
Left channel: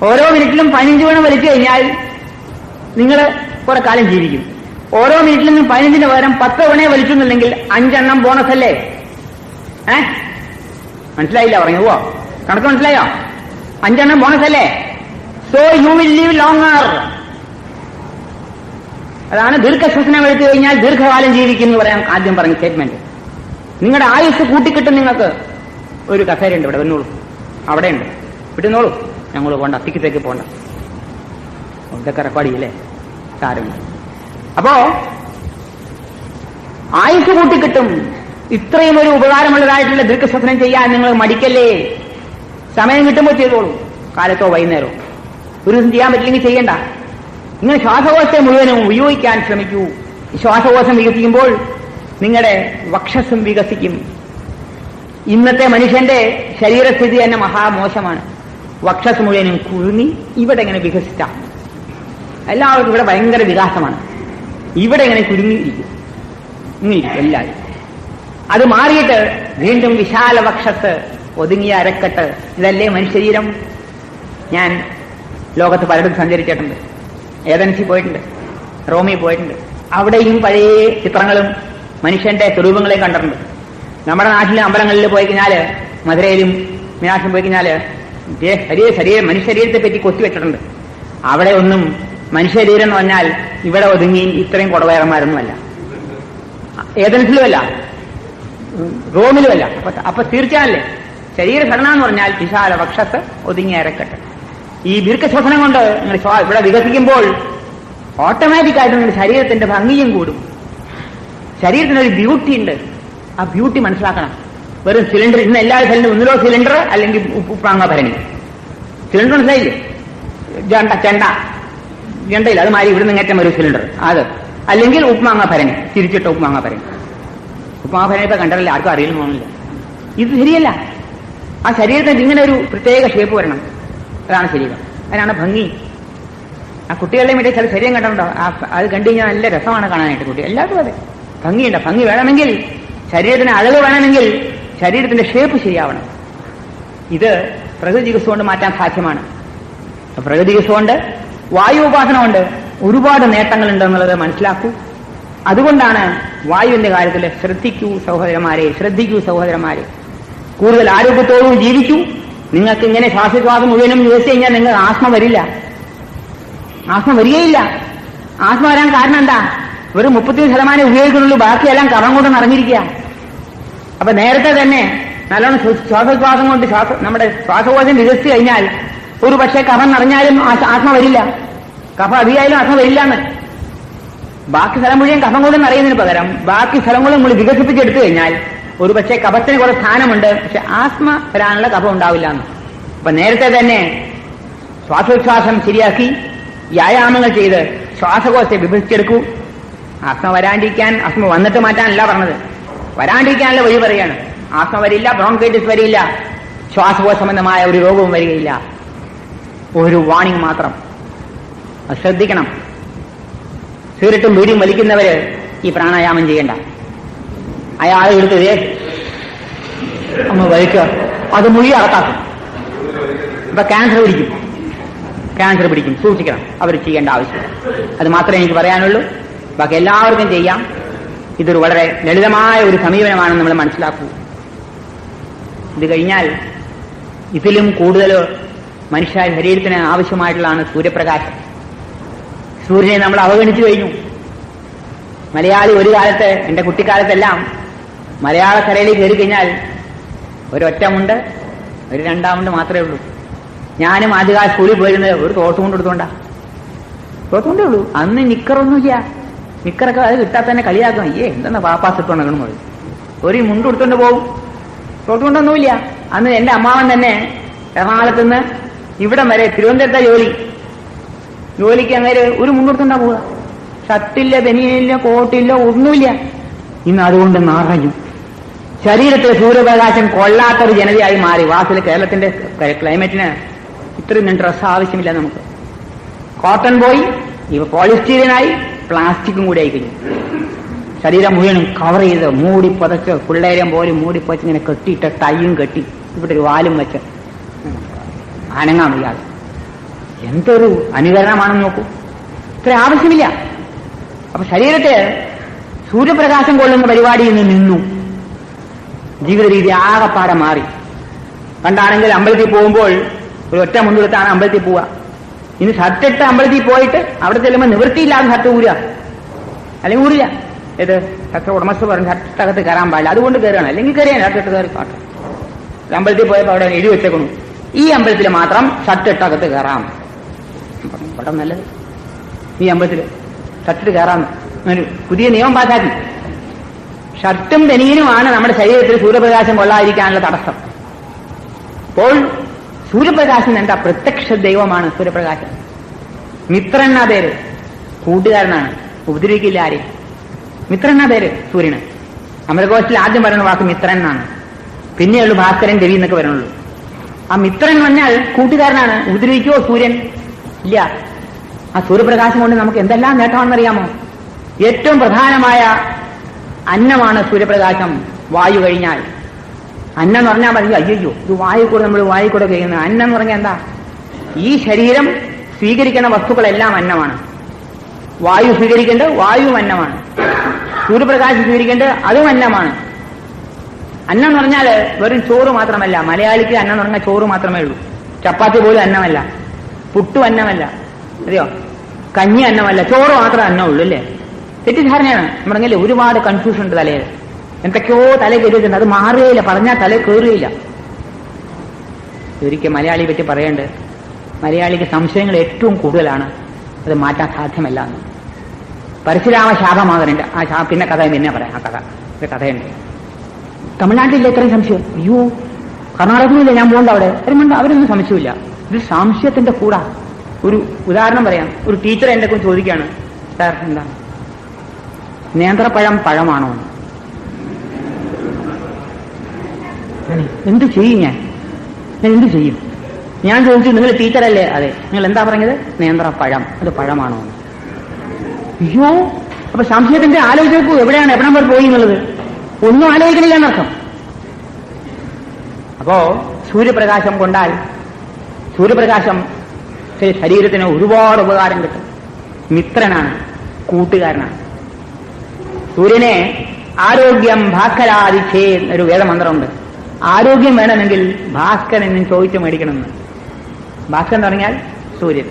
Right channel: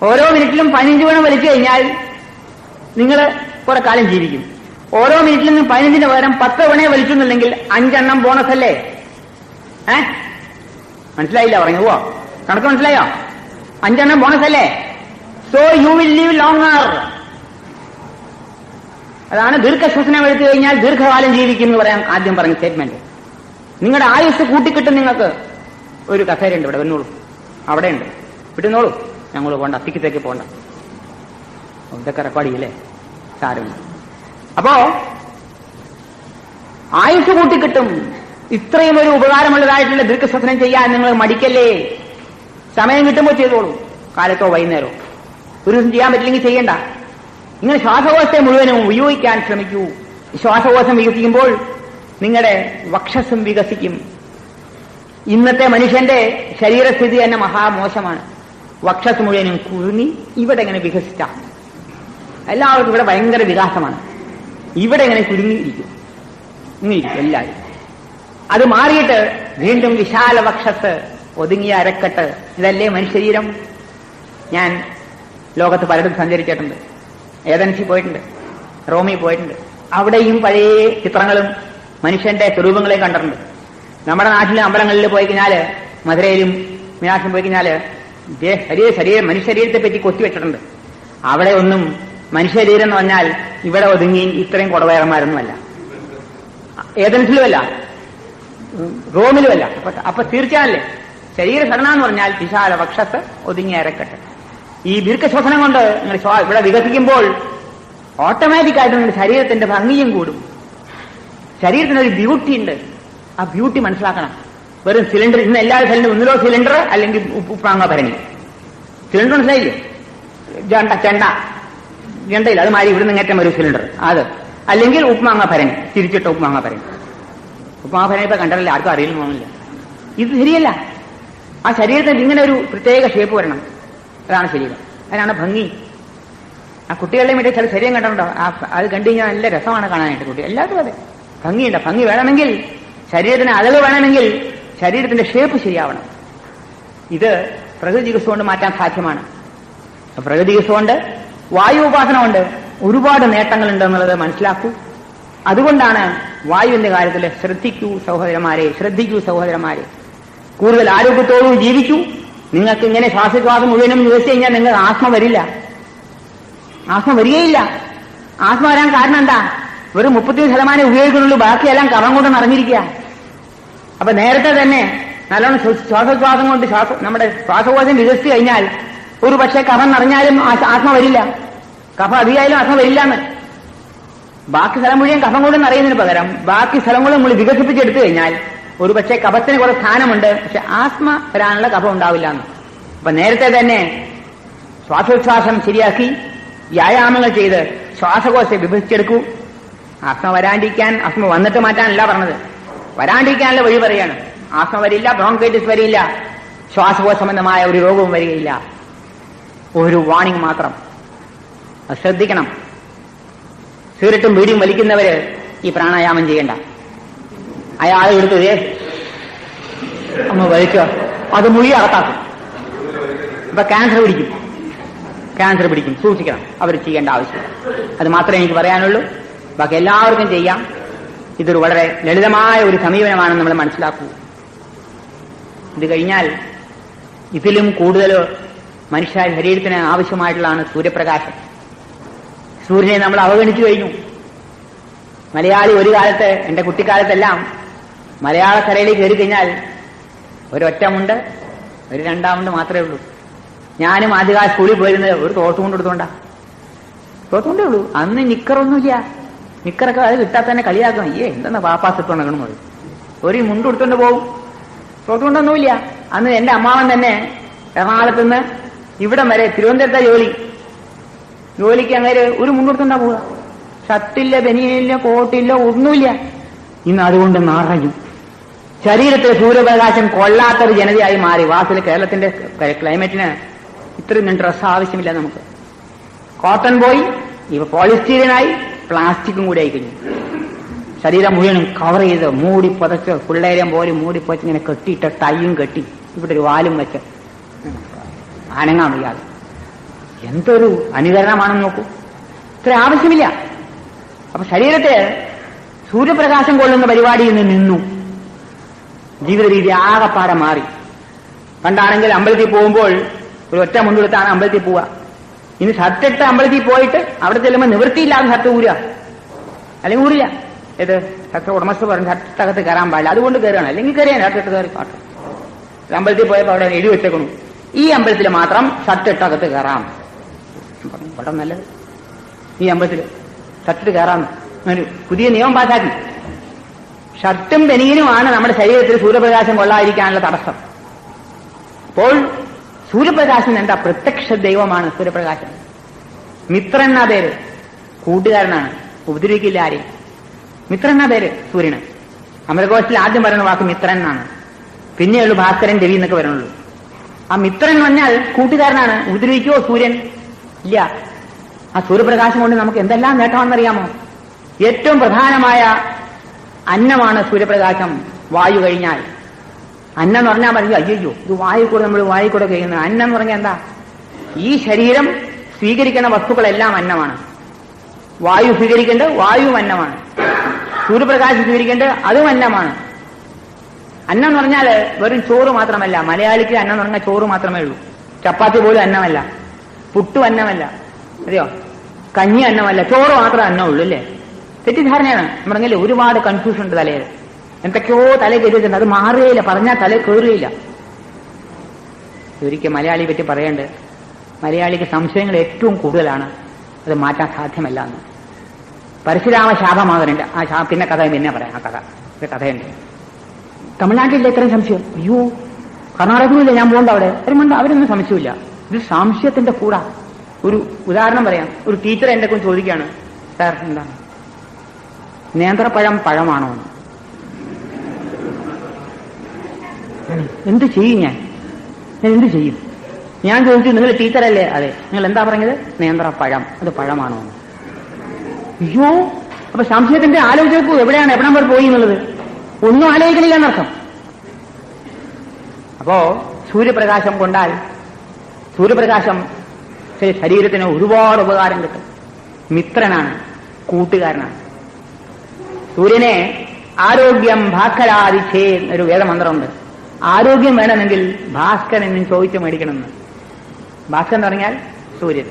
ഓരോ മിനിറ്റിലും 15 തവണ വലിച്ചു കഴിഞ്ഞാൽ നിങ്ങൾ കുറെ കാലം ജീവിക്കും. ഓരോ മിനിറ്റിലും 15 പകരം 10 തവണ വലിച്ചെന്നുണ്ടെങ്കിൽ 5 ബോണസ് അല്ലേ? മനസ്സിലായില്ല? പറഞ്ഞുവോ? കണക്ക് മനസ്സിലായോ? 5 ബോണസ് അല്ലേ? So you will leave longer. അതാണ് ദീർഘശ്വസനം എടുത്തു കഴിഞ്ഞാൽ ദീർഘകാലം ജീവിക്കും എന്ന് പറയാൻ ആദ്യം പറഞ്ഞ സ്റ്റേറ്റ്മെന്റ്. നിങ്ങളുടെ ആയുസ് കൂട്ടിക്കിട്ടും. നിങ്ങൾക്ക് ഒരു കസേരയുണ്ട്, ഇവിടെ വന്നോളൂ. അവിടെ ഉണ്ട്, വിട്ടുന്നോളൂ. ഞങ്ങൾ പോണ്ട, തിക്കിത്തേക്ക് പോണ്ട. ഇതൊക്കെ റെക്കോർഡ് ചെയ്യില്ലേ? സാരമില്ല. അപ്പോ ആയുസ് കൂട്ടിക്കിട്ടും. ഇത്രയും ഒരു ഉപകാരമുള്ളതായിട്ടുള്ള ദീർഘശ്വസനം ചെയ്യാൻ നിങ്ങൾ മടിക്കല്ലേ. സമയം കിട്ടുമ്പോൾ ചെയ്തോളൂ, കാലത്തോ വൈകുന്നേരമോ. ഒരു ദിവസം ചെയ്യാൻ പറ്റില്ലെങ്കിൽ ചെയ്യണ്ട. നിങ്ങൾ ശ്വാസകോശത്തെ മുഴുവനും ഉപയോഗിക്കാൻ ശ്രമിക്കൂ. ശ്വാസകോശം വികസിക്കുമ്പോൾ നിങ്ങളുടെ വക്ഷസ്സും വികസിക്കും. ഇന്നത്തെ മനുഷ്യന്റെ ശരീരസ്ഥിതി തന്നെ മഹാമോശമാണ്. വക്ഷസ് മുഴുവനും കുഴുങ്ങി ഇവിടെ ഇങ്ങനെ വികസിച്ചാൽ എല്ലാവർക്കും ഇവിടെ ഭയങ്കര വികാസമാണ്. ഇവിടെ ഇങ്ങനെ കുരുങ്ങിയിരിക്കും, ഇങ്ങനെയിരിക്കും എല്ലാവരും. അത് മാറിയിട്ട് വീണ്ടും വിശാല വക്ഷസ്, ഒതുങ്ങിയ അരക്കെട്ട്, ഇതല്ലേ മനുഷ്യശരീരം. ഞാൻ ലോകത്ത് പലയിടത്തും സഞ്ചരിച്ചിട്ടുണ്ട്. ഏതൻസിൽ പോയിട്ടുണ്ട്, റോമിൽ പോയിട്ടുണ്ട്. അവിടെയും പഴയ ചിത്രങ്ങളും മനുഷ്യന്റെ സ്വരൂപങ്ങളെയും കണ്ടിട്ടുണ്ട്. നമ്മുടെ നാട്ടിലെ അമ്പലങ്ങളിൽ പോയി കഴിഞ്ഞാല്, മധുരയിലും മീനാക്ഷിലും പോയി കഴിഞ്ഞാല് മനുഷ്യശരീരത്തെ പറ്റി കൊത്തിവെച്ചിട്ടുണ്ട്. അവിടെ ഒന്നും മനുഷ്യശരീരം എന്ന് പറഞ്ഞാൽ ഇവിടെ ഒതുങ്ങി ഇത്രയും കുടവയറന്മാരൊന്നുമല്ല, ഏതൻസിലുമല്ല, റോമിലുമല്ല. അപ്പൊ തീർച്ചയായല്ലേ ശരീരഘടന എന്ന് പറഞ്ഞാൽ വിശാല വക്ഷത്ത് ഒതുങ്ങിയ അരക്കെട്ട്. ഈ ദീർഘശ്വസനം കൊണ്ട് നിങ്ങൾ ഇവിടെ വികസിക്കുമ്പോൾ ഓട്ടോമാറ്റിക്കായിട്ട് നിങ്ങളുടെ ശരീരത്തിന്റെ ഭംഗിയും കൂടും. ശരീരത്തിനൊരു ബ്യൂട്ടി ഉണ്ട്. ആ ബ്യൂട്ടി മനസ്സിലാക്കണം. വെറും സിലിണ്ടർ, ഇന്ന് എല്ലാ സ്ഥലത്തും ഒന്നിലോ സിലിണ്ടർ അല്ലെങ്കിൽ ഉപ്പാങ്ങ ഭരണി. സിലിണ്ടർ മനസ്സിലായില്ലേ? ചെണ്ടയില്ല, അത് മാറി ഇവിടുന്ന് ഇങ്ങേറ്റം വരും സിലിണ്ടർ, അത് അല്ലെങ്കിൽ ഉപ്മാങ്ങ ഭരണി, തിരിച്ചിട്ട ഉപ്മാങ്ങ ഭരണി. ഉപ്മാങ്ങ ഭരണി ഇപ്പൊ കണ്ടല്ലേ, ആർക്കും അറിയുന്നു തോന്നില്ല. ഇത് ശരിയല്ല. ആ ശരീരത്തിൽ ഇങ്ങനെ ഒരു പ്രത്യേക ഷേപ്പ് വരണം. അതാണ് ശരീരം, അതിനാണ് ഭംഗി. ആ കുട്ടികളുടെയും ഇടയിൽ ചില ശരീരം കണ്ടുണ്ടോ, അത് കണ്ടു കഴിഞ്ഞാൽ നല്ല രസമാണ് കാണാനായിട്ട്. കുട്ടി എല്ലാവർക്കും അതെ ഭംഗിയുണ്ട്. ഭംഗി വേണമെങ്കിൽ, ശരീരത്തിന് അഴക് വേണമെങ്കിൽ ശരീരത്തിന്റെ ഷേപ്പ് ശരിയാവണം. ഇത് പ്രകൃതി ചികിത്സ കൊണ്ട് മാറ്റാൻ സാധ്യമാണ്. പ്രകൃതി ചികിത്സ കൊണ്ട്, വായു ഉപാസന കൊണ്ട് ഒരുപാട് നേട്ടങ്ങളുണ്ട് എന്നുള്ളത് മനസ്സിലാക്കൂ. അതുകൊണ്ടാണ് വായുവിന്റെ കാര്യത്തിൽ ശ്രദ്ധിക്കൂ സഹോദരന്മാരെ, കൂടുതൽ ആരോഗ്യത്തോടും ജീവിക്കൂ. നിങ്ങൾക്ക് ഇങ്ങനെ ശ്വാസോച്ഛ്വാസം മുഴുവനും യൂസ് കഴിഞ്ഞാൽ നിങ്ങൾ ആസ്മ വരികയില്ല. ആസ്മ വരാൻ കാരണം എന്താ? ഒരു 33% ഉപയോഗിക്കുന്നുള്ളൂ, ബാക്കിയെല്ലാം കഫം കൊണ്ട് നിറഞ്ഞിരിക്കുക. അപ്പൊ നേരത്തെ തന്നെ നല്ലോണം ശ്വാസോച്ഛ്വാസം കൊണ്ട് നമ്മുടെ ശ്വാസകോശം വികസിച്ചു കഴിഞ്ഞാൽ ഒരു പക്ഷേ കഫം നിറഞ്ഞാലും ആസ്മ വരില്ല, കഫം അധികമായാലും ആസ്മ വരില്ല എന്ന്. ബാക്കി സ്ഥലം മുഴുവൻ കഫം കൊണ്ട് നിറയുന്നതിന് പകരം ബാക്കി സ്ഥലങ്ങളും നമ്മൾ വികസിപ്പിച്ചെടുത്തു കഴിഞ്ഞാൽ ഒരു പക്ഷേ കഫത്തിന് കുറെ സ്ഥാനമുണ്ട്, പക്ഷെ ആസ്മ വരാനുള്ള കഫം ഉണ്ടാവില്ല എന്ന്. അപ്പൊ നേരത്തെ തന്നെ ശ്വാസോച്ഛ്വാസം ശരിയാക്കി വ്യായാമങ്ങൾ ചെയ്ത് ശ്വാസകോശത്തെ വിഭജിച്ചെടുക്കൂ. ആസ്മ വരാണ്ടിരിക്കാൻ, ആസ്മ വന്നിട്ട് മാറ്റാനല്ല പറഞ്ഞത്, വരാണ്ടിരിക്കാനുള്ള വഴി പറയാണ്. ആസ്മ വരില്ല, ബ്രോങ്കൈറ്റിസ് വരില്ല, ശ്വാസകോശ സംബന്ധമായ ഒരു രോഗവും വരികയില്ല. ഒരു വാണിംഗ് മാത്രം, അത് ശ്രദ്ധിക്കണം. സിഗരറ്റും ബീഡിയും വലിക്കുന്നവര് ഈ പ്രാണായാമം ചെയ്യണ്ട. അയാൾ എടുത്തതേ ഒന്ന് വലിക്കുക, അത് മുഴുവൻ അകത്താക്കും. അപ്പൊ ക്യാൻസർ പിടിക്കും, സൂക്ഷിക്കണം. അവർ ചെയ്യേണ്ട ആവശ്യമില്ല. അത് മാത്രമേ എനിക്ക് പറയാനുള്ളൂ. ബാക്കി എല്ലാവർക്കും ചെയ്യാം. ഇതൊരു വളരെ ലളിതമായ ഒരു സമീപനമാണെന്ന് നമ്മൾ മനസ്സിലാക്കൂ. ഇത് കഴിഞ്ഞാൽ ഇതിലും കൂടുതൽ മനുഷ്യ ശരീരത്തിന് ആവശ്യമായിട്ടുള്ളതാണ് സൂര്യപ്രകാശം. സൂര്യനെ നമ്മൾ അവഗണിച്ചു കഴിഞ്ഞു. മലയാളി ഒരു കാലത്ത്, എന്റെ കുട്ടിക്കാലത്തെല്ലാം മലയാളക്കരയിൽ കയറി കഴിഞ്ഞാൽ ഒരൊറ്റ മുണ്ട്, ഒരു രണ്ടാമുണ്ട് മാത്രമേ ഉള്ളൂ. ഞാനും ആദ്യകാല സ്കൂളിൽ പോയിരുന്നത് ഒരു തോട്ടുകൊണ്ട് തോട്ടുകൊണ്ടേ ഉള്ളൂ. അന്ന് നിക്കറൊന്നുമില്ല. നിക്കറൊക്കെ അത് കിട്ടാൻ തന്നെ കളിയാക്കും. എന്തെന്നാ വാപ്പാസിട്ടോണം പറയും. ഒരു മുണ്ട് കൊടുത്തോണ്ട് പോകും, തോട്ടുകൊണ്ടൊന്നുമില്ല. അന്ന് എന്റെ അമ്മാവൻ തന്നെ എറണാകുളത്ത് നിന്ന് ഇവിടം വരെ തിരുവനന്തപുരത്തെ ജോലിക്ക് അങ്ങനെ ഒരു മുണ്ട് കൊടുത്തോണ്ടാ പോവുക. ഷർട്ടില്ല, ബനിയനില്ല, കോട്ടില്ല, ഒന്നുമില്ല. ഇന്ന് അതുകൊണ്ട് നിറയും. ശരീരത്തിലെ സൂര്യപ്രകാശം കൊള്ളാത്തൊരു ജനതയായി മാറി. വാസിൽ കേരളത്തിന്റെ ക്ലൈമറ്റിന് ഇത്രയും ഡ്രസ്സ് ആവശ്യമില്ല നമുക്ക്. കോട്ടൺ പോയി, ഇവ പോളിസ്റ്റീരിയനായി, പ്ലാസ്റ്റിക്കും കൂടി ആയിക്കഴിഞ്ഞു. ശരീരം മുഴുവനും കവർ ചെയ്ത് മൂടി പുതച്ച്, പിള്ളേരം പോലെ മൂടി പുതച്ച് ഇങ്ങനെ കെട്ടിയിട്ട് ടൈയും കെട്ടി ഇവിടെ ഒരു വാലും വെച്ച് അനങ്ങാൻ വയ്യാതെ. എന്തൊരു അനുകരണമാണെന്ന് നോക്കൂ. ഇത്ര ആവശ്യമില്ല. അപ്പൊ ശരീരത്തെ സൂര്യപ്രകാശം കൊള്ളുന്ന പരിപാടിയിൽ നിന്ന് നിന്നു. ജീവിത രീതി ആകപ്പാടെ മാറി. പണ്ടാണെങ്കിൽ അമ്പലത്തിൽ പോകുമ്പോൾ ഒരു ഒറ്റ മുൻകൊടുത്താണ് അമ്പലത്തിൽ പോവുക. ഇനി ഷർട്ടിട്ട് അമ്പലത്തിൽ പോയിട്ട് അവിടെ ചെല്ലുമ്പോൾ നിവൃത്തിയില്ലാതെ ഷർട്ട് ഊരുക, അല്ലെങ്കിൽ ഊരില്ല. ഇത് ഷർട്ട് ഉടമസ്ഥ പറഞ്ഞ് ഷർട്ടകത്ത് കയറാൻ പാടില്ല, അതുകൊണ്ട് കയറുകയാണ്. അല്ലെങ്കിൽ കയറിയാണ് ഷർട്ടിട്ട് കയറി പാട്ട്. അമ്പലത്തിൽ പോയപ്പോൾ അവിടെ എഴുതി വെച്ചേക്കുന്നു, ഈ അമ്പലത്തിൽ മാത്രം ഷർട്ടിട്ടകത്ത് കയറാം. ഇവിടെ നല്ലത് ഈ അമ്പലത്തിൽ ഷർട്ടിട്ട് കയറാമെന്ന് പുതിയ നിയമം പാസാക്കി. ഷർട്ടും ബനിയനുമാണ് നമ്മുടെ ശരീരത്തിൽ സൂര്യപ്രകാശം കൊള്ളാതിരിക്കാനുള്ള തടസ്സം. അപ്പോൾ സൂര്യപ്രകാശം എന്താ? പ്രത്യക്ഷ ദൈവമാണ് സൂര്യപ്രകാശം. മിത്രൻ എന്ന പേര്, കൂട്ടുകാരനാണ്, ഉപദ്രവിക്കില്ല ആരെയും. മിത്രൻ എന്ന പേര് സൂര്യന്. അമരകോശത്തിൽ ആദ്യം പറയുന്ന വാക്ക് മിത്രൻ എന്നാണ്. പിന്നെയുള്ളൂ ഭാസ്കരൻ, രവി എന്നൊക്കെ വരണുള്ളൂ. ആ മിത്രൻ പറഞ്ഞാൽ കൂട്ടുകാരനാണ്. ഉപദ്രവിക്കുവോ സൂര്യൻ? ഇല്ല. ആ സൂര്യപ്രകാശം കൊണ്ട് നമുക്ക് എന്തെല്ലാം നേട്ടമാണെന്നറിയാമോ? ഏറ്റവും പ്രധാനമായ അന്നമാണ് സൂര്യപ്രകാശം, വായു കഴിഞ്ഞാൽ. അന്നം എന്ന് പറഞ്ഞാൽ മതി, അയ്യോ ഇത് വായുക്കൂടെ നമ്മൾ വായുക്കൂടെ കഴിക്കുന്നത്. അന്നം എന്ന് പറഞ്ഞാൽ എന്താ? ഈ ശരീരം സ്വീകരിക്കുന്ന വസ്തുക്കളെല്ലാം അന്നമാണ്. വായു സ്വീകരിക്കേണ്ടത് വായു അന്നമാണ്, സൂര്യപ്രകാശം സ്വീകരിക്കേണ്ടത് അതും അന്നമാണ്. അന്നം എന്ന് പറഞ്ഞാൽ വെറും ചോറ് മാത്രമല്ല. മലയാളിക്ക് അന്നം എന്ന് പറഞ്ഞാൽ ചോറ് മാത്രമേ ഉള്ളൂ. ചപ്പാത്തി പോലും അന്നമല്ല, പുട്ടും അന്നമല്ല, അറിയോ, കഞ്ഞി അന്നമല്ല, ചോറ് മാത്രമേ അന്നമുള്ളൂ അല്ലേ? തെറ്റിദ്ധാരണയാണ്. പറഞ്ഞല്ലേ, ഒരുപാട് കൺഫ്യൂഷൻ ഉണ്ട് തലയിൽ. എന്തൊക്കെയോ തല കയറിയിട്ടുണ്ട്, അത് മാറുകയില്ല, പറഞ്ഞാൽ തല കയറുകയില്ല. ഒരിക്കൽ മലയാളിയെ പറ്റി പറയേണ്ടത്, മലയാളിക്ക് സംശയങ്ങൾ ഏറ്റവും കൂടുതലാണ്, അത് മാറ്റാൻ സാധ്യമല്ല എന്ന്. പരശുരാമ ശാപമാകരുണ്ട്. ആ പിന്നെ കഥ പിന്നെ പറയാം. ആ കഥയുണ്ട്. തമിഴ്നാട്ടിലെ എത്രയും സംശയം, അയ്യോ കർണാടകയിലില്ല, ഞാൻ പോകണ്ട അവിടെ. അവരൊന്നും സംശയമില്ല. ഇത് സംശയത്തിന്റെ കൂടാ. ഒരു ഉദാഹരണം പറയാം. ഒരു ടീച്ചർ എന്റെ കുറിച്ച് ചോദിക്കുകയാണ്, സാർ എന്താ നേന്ത്രപ്പഴം പഴമാണോ? എന്ത് ചെയ്യും ഞാൻ എന്ത് ചെയ്യും? ഞാൻ ചോദിച്ചു, നിങ്ങൾ ടീച്ചറല്ലേ? അതെ. നിങ്ങൾ എന്താ പറഞ്ഞത്? നേന്ത്രപ്പഴം, അത് പഴമാണോ? അയ്യോ, അപ്പൊ സംശയത്തിന്റെ ആലോചിച്ചു എവിടെയാണ് എവിടം വരെ പോയി എന്നുള്ളത് ഒന്നും ആലോചിക്കണില്ല എന്നർത്ഥം. അപ്പോ സൂര്യപ്രകാശം കൊണ്ടാൽ, സൂര്യപ്രകാശം ശരീരത്തിന് ഒരുപാട് ഉപകാരം കിട്ടും. മിത്രനാണ്, കൂട്ടുകാരനാണ്. സൂര്യനെ ആരോഗ്യം ഭാസ്കരാദിച്ചേ എന്നൊരു വേദമന്ത്രമുണ്ട്. ആരോഗ്യം വേണമെങ്കിൽ ഭാസ്കരൻ ചോദിച്ചു മേടിക്കണമെന്ന്. ഭാസ്കരൻ തുടങ്ങിയാൽ സൂര്യൻ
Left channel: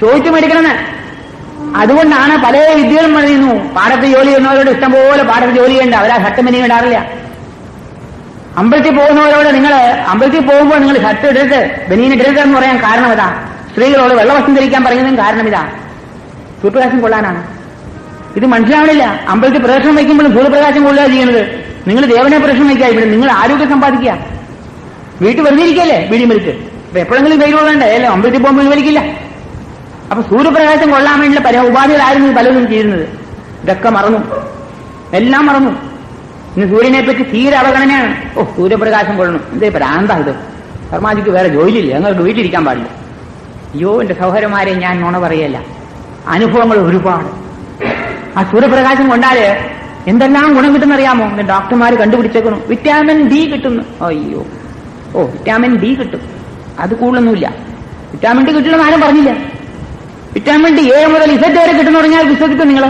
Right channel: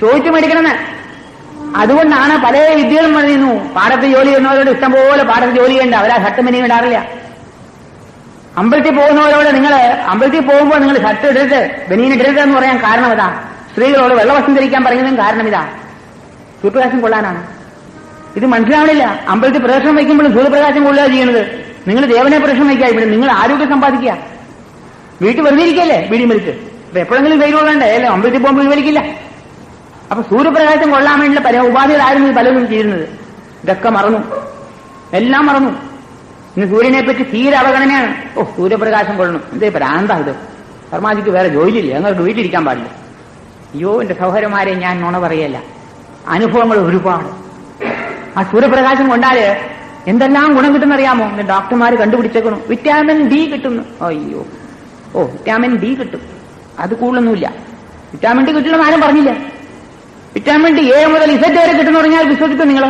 ചോദിച്ചു മേടിക്കണമെന്ന്. അതുകൊണ്ടാണ് പല വിദ്യകളും പറയുന്നു, പാടത്ത് ജോലി ചെയ്യുന്നവരോട് ഇഷ്ടംപോലെ പാടത്ത് ജോലി ചെയ്യേണ്ട, അവരാ ഷർട്ട് മിനി ഇടാറില്ല. അമ്പലത്തിൽ പോകുന്നവരോട് നിങ്ങൾ അമ്പലത്തിൽ പോകുമ്പോൾ നിങ്ങൾ ഷർട്ട് ഇടരുത്, ബനീൻ ഇടരുത് എന്ന് പറയാൻ കാരണം ഇതാ. സ്ത്രീകളോട് വെള്ളവസ്ത്രം ധരിക്കാൻ പറയുന്നതും കാരണം ഇതാ, സൂര്യപ്രകാശം കൊള്ളാനാണ്. ഇത് മനസ്സിലാവണില്ല. അമ്പലത്തിൽ പ്രദർശനം വയ്ക്കുമ്പോഴും സൂര്യപ്രകാശം കൊള്ളുക ചെയ്യുന്നത്. നിങ്ങൾ ദേവനെ പ്രദർശനം വയ്ക്കുക, ഇവിടെ നിങ്ങൾ ആരോഗ്യം സമ്പാദിക്കുക. വീട്ടിൽ വെറുതെയിരിക്കല്ലേ വീടിയും വലിച്ച്. അപ്പൊ എപ്പോഴെങ്കിലും വെയിൽ കൊള്ളണ്ടേ? അല്ലേ, അമ്പലത്തിൽ പോകുമ്പോൾ വലിക്കില്ല. അപ്പൊ സൂര്യപ്രകാശം കൊള്ളാൻ വേണ്ടിയുള്ള പല ഉപാധികളായിരുന്നു പലതും ചെയ്യുന്നത്. ഇതൊക്കെ മറന്നു, എല്ലാം മറന്നു. ഇന്ന് സൂര്യനെ പറ്റി തീരെ അവഗണനയാണ്. സൂര്യപ്രകാശം കൊള്ളണം, എന്തേ ഭ്രാന്താ ഇത്? ശർമാജിക്ക് വേറെ ജോലിയില്ല, ഞങ്ങൾക്ക് വീട്ടിലിരിക്കാൻ പാടില്ല. അയ്യോ, എന്റെ സഹോദരന്മാരെ, ഞാൻ നുണ പറയല്ല, അനുഭവങ്ങൾ ഒരുപാട്. ആ സൂര്യപ്രകാശം കൊണ്ടാല് എന്തെല്ലാം ഗുണം കിട്ടുന്നറിയാമോ? ഡോക്ടർമാർ കണ്ടുപിടിച്ചേക്കണം. വിറ്റാമിൻ ഡി കിട്ടുന്നു. അയ്യോ, വിറ്റാമിൻ ഡി കിട്ടും. അത് കൂടുതലൊന്നുമില്ല. വിറ്റാമിൻ ഡി കിട്ടില്ലെന്ന് ആരും പറഞ്ഞില്ല. വിറ്റാമിൻ ഡി എ മുതൽ ഇസഡ് വരെ കിട്ടുന്ന പറഞ്ഞാൽ വിശ്വസിക്കും നിങ്ങൾ?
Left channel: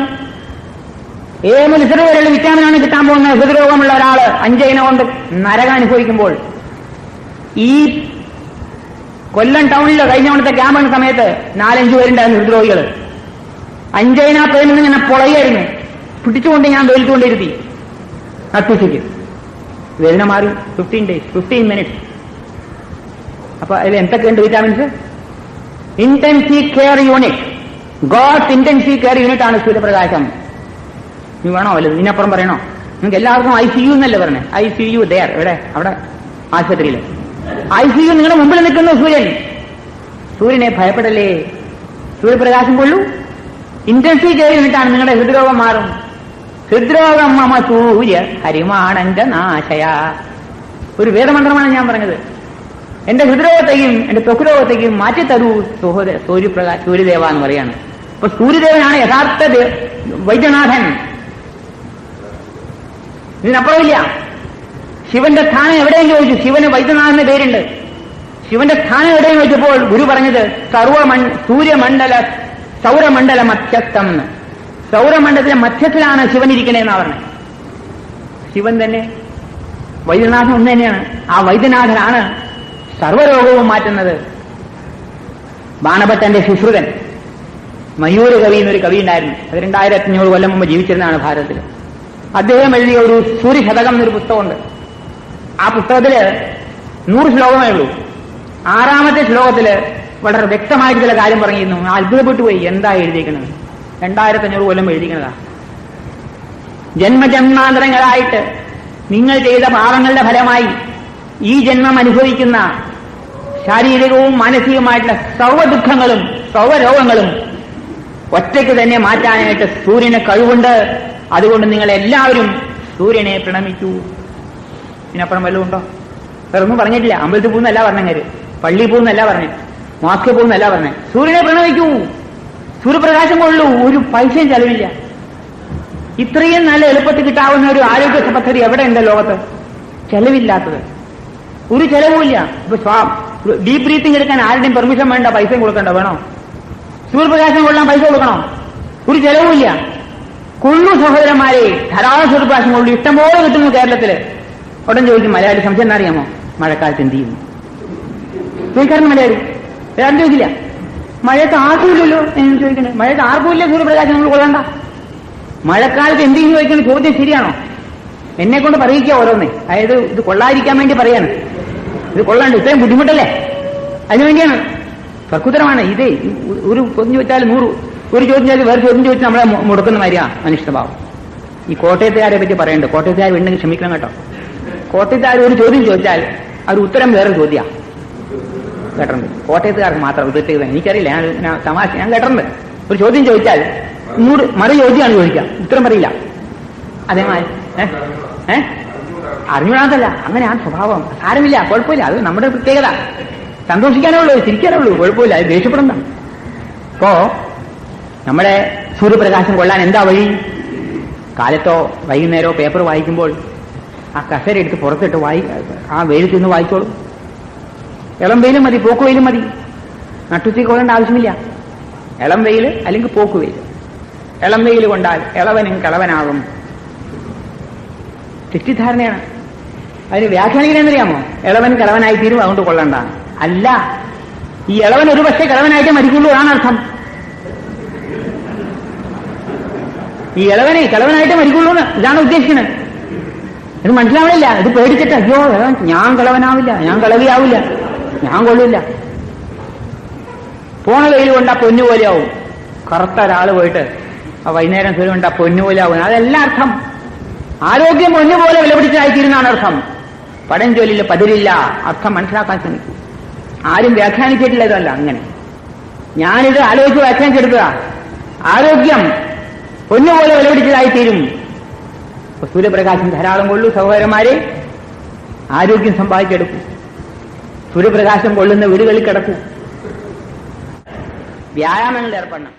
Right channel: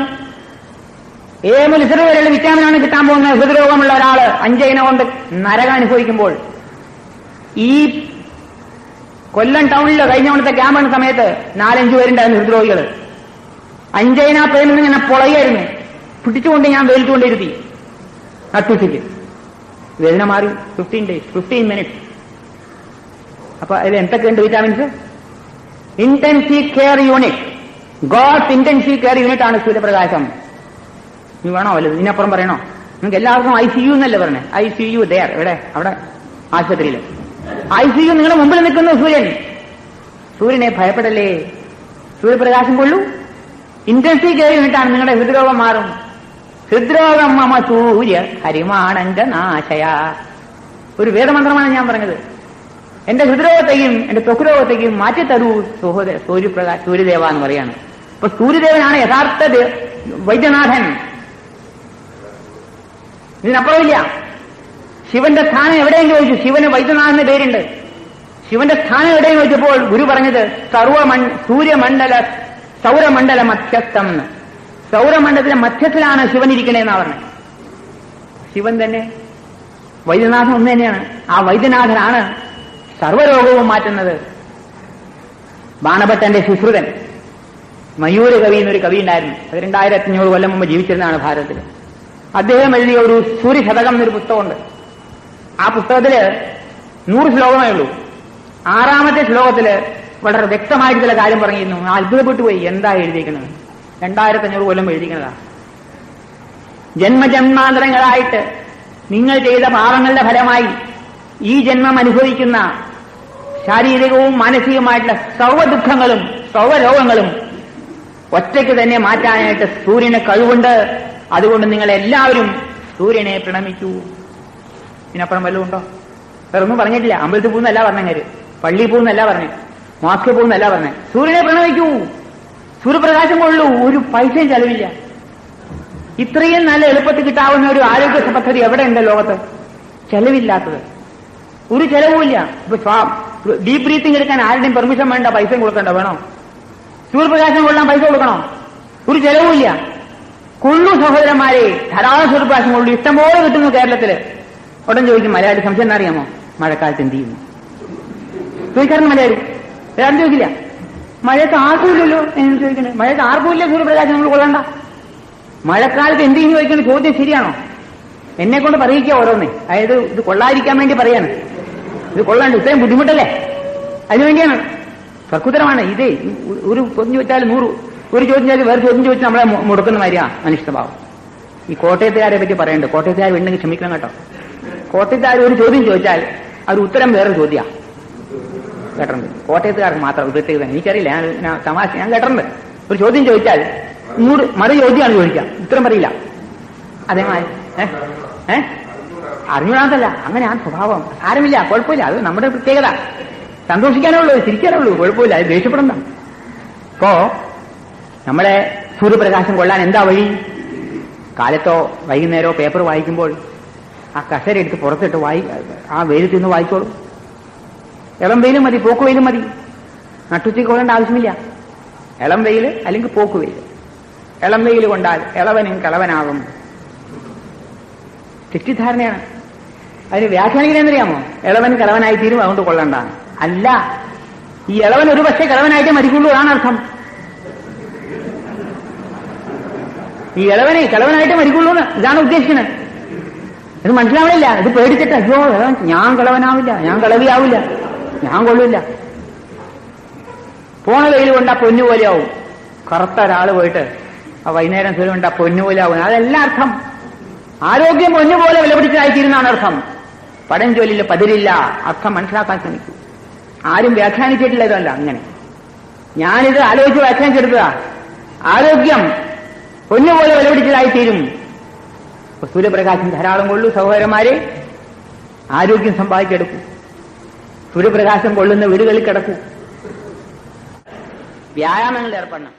എ മുതൽ ഇസഡ് വരെയുള്ള വിറ്റാമിനാണ് കിട്ടാൻ പോകുന്നത്. ഹൃദ്രോഗമുള്ള ഒരാള് 5 ഇനം കൊണ്ട് നരകം അനുഭവിക്കുമ്പോൾ. ഈ കൊല്ലം ടൗണിൽ കഴിഞ്ഞ കൊണ്ടത്തെ ക്യാമ്പ് സമയത്ത് 4-5 പേരുണ്ടായിരുന്നു ഹൃദ്രോഗികൾ. 5 ഇന പേരിൽ ഇങ്ങനെ പൊളയായിരുന്നു. പിടിച്ചുകൊണ്ട് ഞാൻ വെയിൽക്കൊണ്ടിരുത്തി അത്യുസിക്ക്. വേദന മാറി 15 days, 15 minutes. അപ്പൊ അതിൽ എന്തൊക്കെയുണ്ട് vitamins? Intensive care unit, God's intensive care unit ആണ് സൂര്യപ്രകാശം. നീ വേണോ വല്ലതും ഇതിനപ്പുറം പറയണോ? നിങ്ങൾക്ക് എല്ലാവർക്കും ICU എന്നല്ലേ പറഞ്ഞേ? ICU ദയർ എവിടെ? അവിടെ ആശുപത്രിയിൽ ICU. നിങ്ങളുടെ മുമ്പിൽ നിൽക്കുന്ന സൂര്യൻ. സൂര്യനെ ഭയപ്പെടല്ലേ, സൂര്യപ്രകാശം കൊള്ളൂ. ഇന്റൻസീവ് കെയർ യൂണിറ്റാണ്. നിങ്ങളുടെ ഹൃദ്രോഗം മാറും. ഹൃദ്രോഗം മമ സൂര്യ ഹരിമാണന്റെ നാശയ. ഒരു വേദമന്ത്രമാണ് ഞാൻ പറഞ്ഞത്. എന്റെ ഹൃദ്രോഗത്തെയും എന്റെ ത്വക്രോഗത്തെയും മാറ്റിത്തരൂ സൂര്യദേവ എന്ന് പറയാണ്. അപ്പൊ സൂര്യദേവനാണ് യഥാർത്ഥ വൈദ്യനാഥൻ. ഇതിനപ്പുറമില്ല. ശിവന്റെ സ്ഥാനം എവിടെയും ചോദിച്ചു. ശിവന് വൈദ്യനാഥന്റെ പേരുണ്ട്. ശിവന്റെ സ്ഥാനം എവിടെയും ചോദിച്ചപ്പോൾ ഗുരു പറഞ്ഞത് സൗരമണ്ഡല മധ്യസ്ഥം എന്ന്. സൗരമണ്ഡലത്തിലെ മധ്യത്തിലാണ് ശിവൻ ഇരിക്കണേന്നാ പറഞ്ഞത്. ശിവൻ തന്നെ വൈദ്യനാഥൻ ഒന്ന് തന്നെയാണ്. ആ വൈദ്യനാഥനാണ് സർവ്വരോഗവും മാറ്റുന്നത്. ബാണഭട്ടന്റെ ശുശ്രുതൻ മയൂര കവി എന്നൊരു കവി ഉണ്ടായിരുന്നു. 2500 കൊല്ലം മുമ്പ് ജീവിച്ചിരുന്നതാണ് ഭാരതത്തിൽ. അദ്ദേഹം എഴുതിയ ഒരു സൂര്യശതകം എന്നൊരു പുസ്തകമുണ്ട്. ആ പുസ്തകത്തില് 100 ശ്ലോകമേ ഉള്ളൂ. 6ാമത്തെ ശ്ലോകത്തില് വളരെ വ്യക്തമായിട്ട് ചില കാര്യം പറഞ്ഞിരുന്നു. അത്ഭുതപ്പെട്ടു പോയി. എന്താ എഴുതിയിരിക്കുന്നത്? 2500 കൊല്ലം എഴുതിക്കുന്നതാ. ജന്മജന്മാന്തരങ്ങളായിട്ട് നിങ്ങൾ ചെയ്ത പാപങ്ങളുടെ ഫലമായി ഈ ജന്മം അനുഭവിക്കുന്ന ശാരീരികവും മാനസികവുമായിട്ടുള്ള സർവ്വ ദുഃഖങ്ങളും സർവ്വരോഗങ്ങളും ഒറ്റയ്ക്ക് തന്നെ മാറ്റാനായിട്ട് സൂര്യന് കഴിവുണ്ട്. അതുകൊണ്ട് നിങ്ങൾ എല്ലാവരും സൂര്യനെ പ്രണമിക്കൂ. ഇതിനപ്പുറം വല്ലതും ഉണ്ടോ? വേറൊന്നും പറഞ്ഞിട്ടില്ല. അമ്പലത്തിൽ പോകുന്നല്ല പറഞ്ഞത്, പള്ളിയിൽ പോകുന്നല്ല പറഞ്ഞു, മാസ്ക് പോകുന്നല്ല പറഞ്ഞത്. സൂര്യനെ പ്രണമിക്കൂ, സൂര്യപ്രകാശം കൊള്ളൂ. ഒരു പൈസയും ചെലവില്ല. ഇത്രയും നല്ല എളുപ്പത്തിൽ കിട്ടാവുന്ന ഒരു ആരോഗ്യ പദ്ധതി എവിടെ ഉണ്ട് ലോകത്ത്? ചെലവില്ലാത്തത്. ഒരു ചെലവുമില്ല. ഇപ്പൊ ഡീപ് ബ്രീത്തിങ് എടുക്കാൻ ആരുടെയും പെർമിഷൻ വേണ്ട, പൈസയും കൊടുക്കണ്ട. വേണോ? സൂര്യപ്രകാശം കൊള്ളാൻ പൈസ കൊടുക്കണോ? ഒരു ചെലവുമില്ല. കൊള്ളു സഹോദരന്മാരെ, ധാരാളം സൂര്യപ്രകാശം കൊള്ളു, ഇഷ്ടംപോലെ കിട്ടുന്നു കേരളത്തില്. ഉടൻ ചോദിക്കും മലയാളി സംശയം എന്നറിയാമോ? മഴക്കാലത്ത് എന്ത് ചെയ്യുന്നു ചോദിക്കാറുണ്ട് മലയാളി. വേറെ ചോദിക്കില്ല. മഴയത്ത് ആർക്കുമില്ലല്ലോ എന്ന് ചോദിക്കുന്നത്. മഴയത്ത് ആർക്കുമില്ല സൂര്യപ്രകാശം നമ്മൾ കൊള്ളണ്ട. മഴക്കാലത്ത് എന്ത് ചെയ്യുന്നു ചോദിക്കുന്ന ചോദ്യം ശരിയാണോ? എന്നെ കൊണ്ട് പറയിക്കുക ഓരോന്നേ. അതായത് ഇത് കൊള്ളാതിരിക്കാൻ വേണ്ടി പറയാണ്. ഇത് കൊള്ളാണ്ട്, ഇത്രയും ബുദ്ധിമുട്ടല്ലേ, അതിനുവേണ്ടിയാണ്. തർക്കുത്തരമാണ് ഇത്. ഒരു ചോദ്യം ചോദിച്ചാൽ 100, ഒരു ചോദ്യം ചോദിച്ചാൽ വേറെ ചോദ്യം ചോദിച്ചാൽ നമ്മളെ മുടക്കുന്ന മാതിരിയാണ് മനുഷ്യഭാവം. ഈ കോട്ടയത്തുകാരെ പറ്റി പറയണ്ട. കോട്ടയത്തുകാർ ഉണ്ടെങ്കിൽ ക്ഷമിക്കണം കേട്ടോ. കോട്ടയത്തുകാർ ഒരു ചോദ്യം ചോദിച്ചാൽ അവർ ഉത്തരം വേറെ ചോദ്യമാണ്. കേട്ടിട്ടുണ്ട്. കോട്ടയത്തുകാർക്ക് മാത്രം പ്രത്യേകത. എനിക്കറിയില്ല, ഞാൻ തമാശ ഞാൻ കേട്ടിട്ടുണ്ട്. ഒരു ചോദ്യം ചോദിച്ചാൽ മറു ചോദ്യമാണ് ചോദിക്കുക, ഉത്തരം പറയില്ല. അതേമാതിരി അറിഞ്ഞാതല്ല, അങ്ങനെയാണ് സ്വഭാവം. സാരമില്ല, കുഴപ്പമില്ല, അത് നമ്മുടെ പ്രത്യേകത. സന്തോഷിക്കാനേ ഉള്ളൂ, ചിരിക്കാനേ ഉള്ളൂ, കുഴപ്പമില്ല. അത് ദേഷ്യപ്പെടണ്ട. അപ്പോ നമ്മളെ സൂര്യപ്രകാശം കൊള്ളാൻ എന്താ വഴി? കാലത്തോ വൈകുന്നേരമോ പേപ്പർ വായിക്കുമ്പോൾ ആ കസേര എടുത്ത് പുറത്തിട്ട് ആ വെയിലത്ത് നിന്ന് വായിച്ചോളൂ. ഇളം വെയിലും മതി, പോക്ക് വെയിലും മതി. നട്ടുച്ചയ്ക്ക് കൊള്ളേണ്ട ആവശ്യമില്ല. ഇളം വെയിൽ അല്ലെങ്കിൽ പോക്ക് വെയിൽ. ഇളം വെയിൽ കൊണ്ടാൽ ഇളവനും കളവനാകും. തെറ്റിദ്ധാരണയാണ്. അതിന് വ്യാഖ്യാനിക്കണമെന്നറിയാമോ? ഇളവൻ കളവനായി തീരും, അതുകൊണ്ട് കൊള്ളണ്ടാണ്. അല്ല, ഈ ഇളവൻ ഒരു പക്ഷേ കളവനായിട്ടേ മരിക്കുള്ളൂ എന്നാണ് അർത്ഥം. ഈ ഇളവനെ കളവനായിട്ട് മരിക്കുള്ളൂ ഇതാണ് ഉദ്ദേശിക്കുന്നത്. ഇത് മനസ്സിലാവില്ല. ഇത് പേടിക്കട്ടെ. അയ്യോ ഞാൻ കളവനാവില്ല, ഞാൻ കളവിയാവില്ല, ഞാൻ കൊള്ളില്ല. പോണ വെയിൽ കൊണ്ടാ പൊന്നുപോലെയാവും. കറുത്ത ഒരാൾ പോയിട്ട് വൈകുന്നേരം സൂര്യ കൊണ്ടാ പൊന്നുപോലെയാവും. അതെല്ലാം അർത്ഥം. ആരോഗ്യം പൊന്നുപോലെ വിലപിടിച്ചായിത്തീരുന്നാണ് അർത്ഥം. പടംജോലിയില്ല പതിരില്ല. അർത്ഥം മനസ്സിലാക്കാൻ ശ്രമിക്കും. ആരും വ്യാഖ്യാനിച്ചിട്ടില്ല. ഇതല്ല അങ്ങനെ. ഞാനിത് ആലോചിച്ച് വ്യാഖ്യാനിച്ചെടുത്തതാ. ആരോഗ്യം പൊന്നുപോലെ വിലപിടിച്ചതായിത്തീരും. സൂര്യപ്രകാശം ധാരാളം കൊള്ളൂ സഹോദരന്മാരെ, ആരോഗ്യം സമ്പാദിച്ചെടുക്കും. സൂര്യപ്രകാശം കൊള്ളുന്ന വീടുകളിൽ കിടക്കൂ. വ്യായാമങ്ങളിൽ ഏർപ്പെടണം.